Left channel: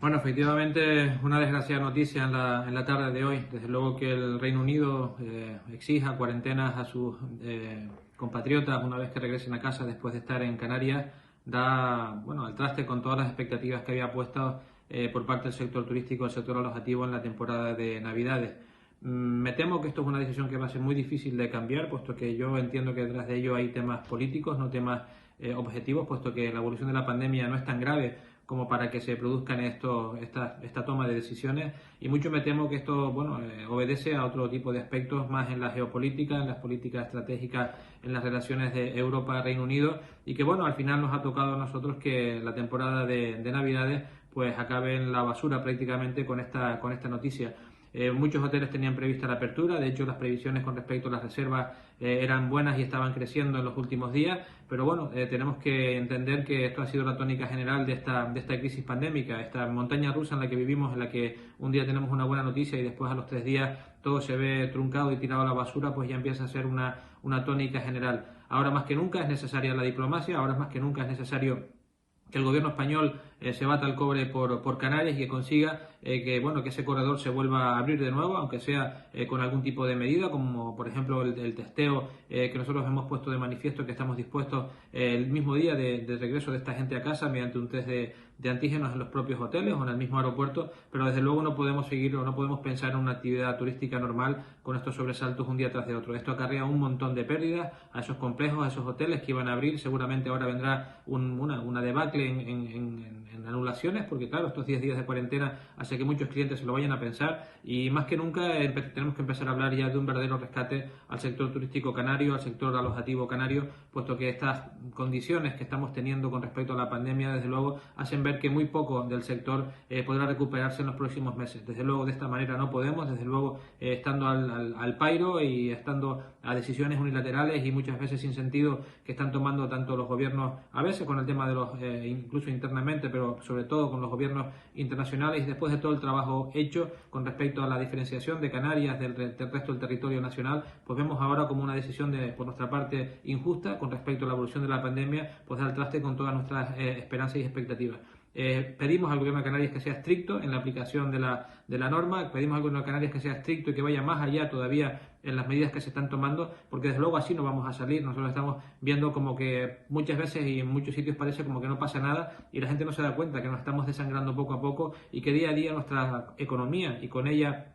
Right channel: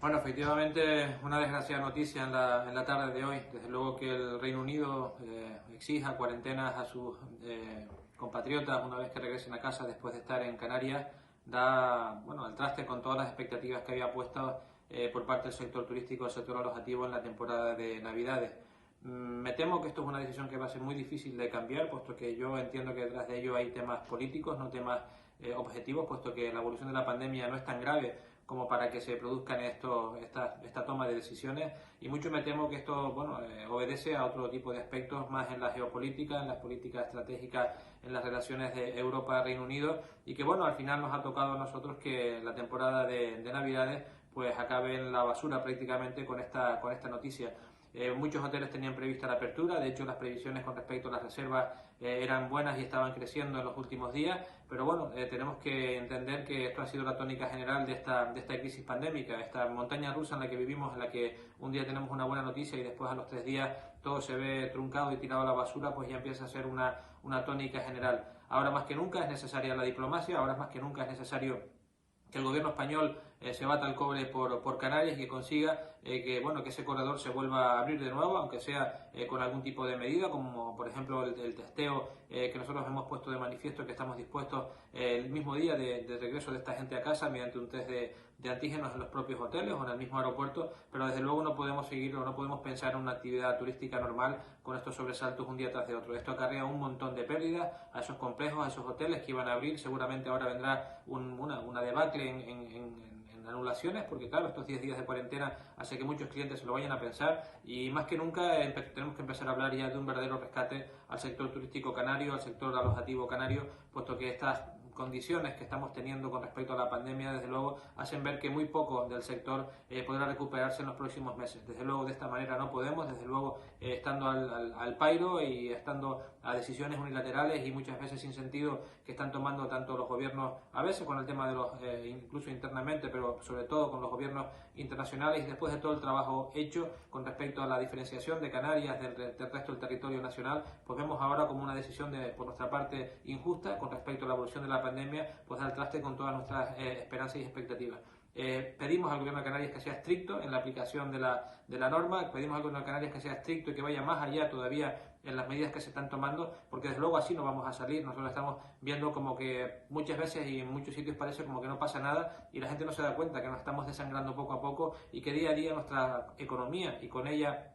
Bueno, efectivamente, una desgraciada noticia en la tarde de hoy. Desde luego que el Reino Unido exija cuarentenas a sus compatriotas una vez que regresen a casa después de estar en Canarias, da bueno al traste con todas las expectativas que había puesto por parte del sector turístico, del sector alojativo en la temporada de Navidades. Me temo que esto es una decisión que va a ser muy difícil de cambiar, puesto que yo entiendo que detrás de ello hay temas políticos, no temas objetivos, puesto que la evolución de la pandemia no es tan grave como para que se produzcan esta toma de decisiones, y mucho me temo que esto obedece a otro tipo de aspectos más en la geopolítica, en las políticas estratégicas, en las relaciones de Europa-Reino Unido, y que al final nos ha tocado a nosotros que la temporada de Navidades pues acabe en la basura prácticamente con esta noticia. Muchos hoteles tenían prevista la apertura, de hecho las previsiones con respecto a las reservas eran buenas y estaban creciendo en los últimos días, pero tenemos que entender que esto ha sido la tónica general de esta crisis pandémica, esta montaña rusa en la que vivimos, en la que un día tenemos una buena noticia y después a los 3 días todo se ve truncado y tirado a la basura, pues ya empieza a ser una tónica general. Ahora más que nunca es necesaria la diplomacia, ahora más que nunca es necesario que el gobierno español se bata el cobre por Canarias y que consiga que ese corredor se vuelva a abrir de nuevo, aunque sea con algún tipo de medida, como por ejemplo el testeo que nosotros hemos puesto de manifiesto, que estamos dispuestos el mismo día de regreso de esta gente a casa mediante un test de antígenos en los propios hoteles o en el mismo aeropuerto, pero desde luego no podemos seguir o no podemos pensar en una actividad turística normal con estos sobresaltos un día tras de otro. Esto acarrea un montón de pérdidas a esos complejos, a esos hoteles que iban a abrir. Seguramente ahora vendrá una debacle en anulaciones, porque claro, estos 10 días de cuarentena hace que muchos clientes se lo vayan a pensar, y más que nunca tenemos que empezar a hablar ya de un verdadero rescate al sector turístico canario, al sector alojativo canario, puesto que estas condiciones que estamos teniendo con respecto a la pandemia, desde luego, hacen ver que muy poco del sector podrá recuperarse en los próximos meses. Desde luego, de esta manera no podemos, desde luego, estando al pairo y estando a decisiones unilaterales y muchas veces sin sentido que están tomando tanto los gobiernos, a veces con el tema de los, incluso internamente, pero sobre todo con los gobiernos internacionales, y después de todo el trabajo hecho con respecto a la diferenciación de Canarias del resto del territorio nacional, pues vemos ahora como una decisión por nuestra parte injusta con respecto a la evolución de la pandemia, pues dar traste con todas nuestras esperanzas y expectativas. Pedimos al gobierno de Canarias que sea estricto en la aplicación de la norma, pedimos al gobierno de Canarias que sea estricto y que vaya más allá todavía en las medidas que se están tomando, porque desde luego así no vamos a salir. Nosotros estamos viendo como que muchas veces y en muchos sitios parece como que no pasa nada y la gente no se da cuenta que nos estamos desangrando poco a poco y que día a día nuestra economía y con ella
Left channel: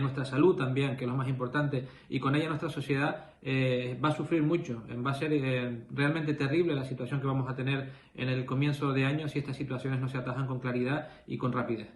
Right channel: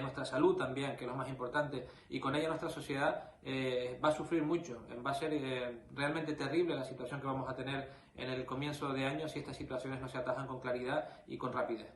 nuestra salud también, que es lo más importante, y con ella nuestra sociedad va a sufrir mucho. Va a ser realmente terrible la situación que vamos a tener en el comienzo de año si estas situaciones no se atajan con claridad y con rapidez.